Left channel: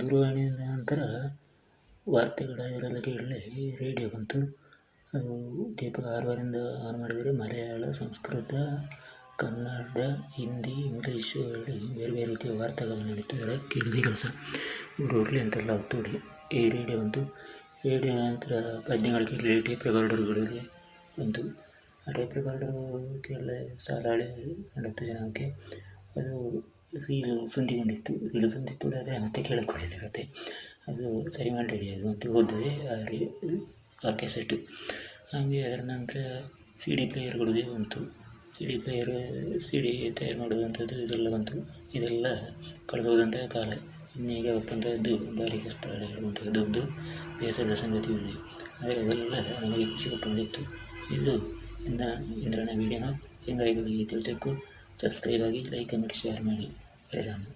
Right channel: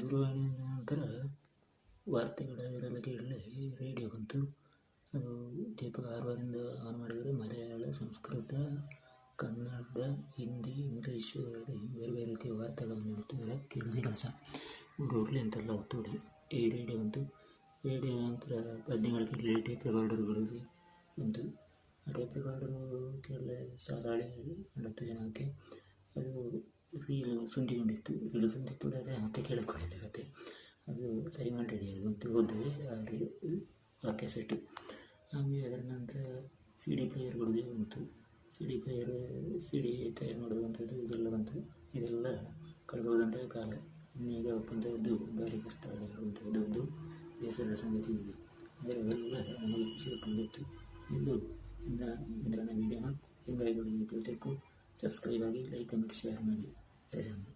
ದೂರವಾಣಿಯ ನಂತರ ವಾರ್ತೆಗಳ ಇದರಲ್ಲಿ ಕೇಳಲೆ ರೇಡಿಯೋ ಬಂತು. ಅದು ದೀಪಕ ಆರೂವರೆಯಿಂದ ಆನ್ ಮಾಡಿದರೆ ಮಲಯಾಳ, ಸಂಸ್ಕೃತ, ಕನ್ನಡ, ಹಿಂದಿ, ಇಂಗ್ಲೀಷು ಹೇಳಿ ಬೇರೆ ಬೇರೆ ರೀತಿಯ ವಾರ್ತೆಗಳನ್ನು ನೀಡುತ್ತಿದ್ದಾರೆ. ಕೇಳೋದೇ ಕೆಲಸ ಇವರು ಇರಲಿ ಅಂತೆಲ್ಲ ಒತ್ತುವರಿ ಈ ರೇಡಿಯೋ ಬಂತು. ರೇಡಿಯೋ ನಂತರ ಪದ್ಯಗಳು ಕೇಳಿ ಟೇಪ್ ರೆಕಾರ್ಡರ್ಗಳಿಗೆ ಬಂತು. ಆ ಟೇಪ್ ರೆಕಾರ್ಡರು ಕೇಳಲೆ ಸಾಲಾಳೆ ಹತ್ತು ಜನಕ್ಕೆ ಅದು ರೀಲು ಬಂದಿತ್ತು, ರೀಲು ಸುಂದಿತ್ತು ಆದರೆ ಮತ್ತೆ ಕತೆ ಅದು ಸರಿ ಮಾಡಿ ಅದು ಮತ್ತೆ ಹೋದರೆ ಆ ರೀ, ಆ ಕ್ಯಾಸೆಟ್ಟು ಹಾಗೆ ಅದರ ನಂತರ ಸಿ ಡಿ ಪ್ಲೇಯರ್ಗಳದೇ ಬಂತು. C D player C D ತಯಾರು ಮಾಡುವಂಥದ್ದು ಇದೆಲ್ಲ ಬಂತು. ಇದೆಲ್ಲ ಕಳೆದು ಹೋದಂತಹ ಕಾಲ. ಇನ್ನೀಗ ಬಂದದ್ದು ಭಾರಿ ಕಷ್ಟ ಹೇಳುವಂಥದ್ದು ಒಂದು ಬೇಸರದ ಸಂಗತಿ ಇದೆ. ಆದರೆ ಅದೆಲ್ಲ ನಮಗೆ ಖುಷಿ ಕೊಟ್ಟು ಇದು ಇಂದ ಇಂದ್ರನ ವೀಡಿಯೋನ ಹೆಂಗಾಯಿಗಳಿಗೆ ತಿಳಿಸೋಕ್ಕೂ ಸಬ್ಸ್ಕ್ರೈಬ್ ಆಗಿ ಲೈಕ್ ಕಮೆಂಟ್ ಶೇರ್ ಮಾಡಿ. യാത്രയിലാണ്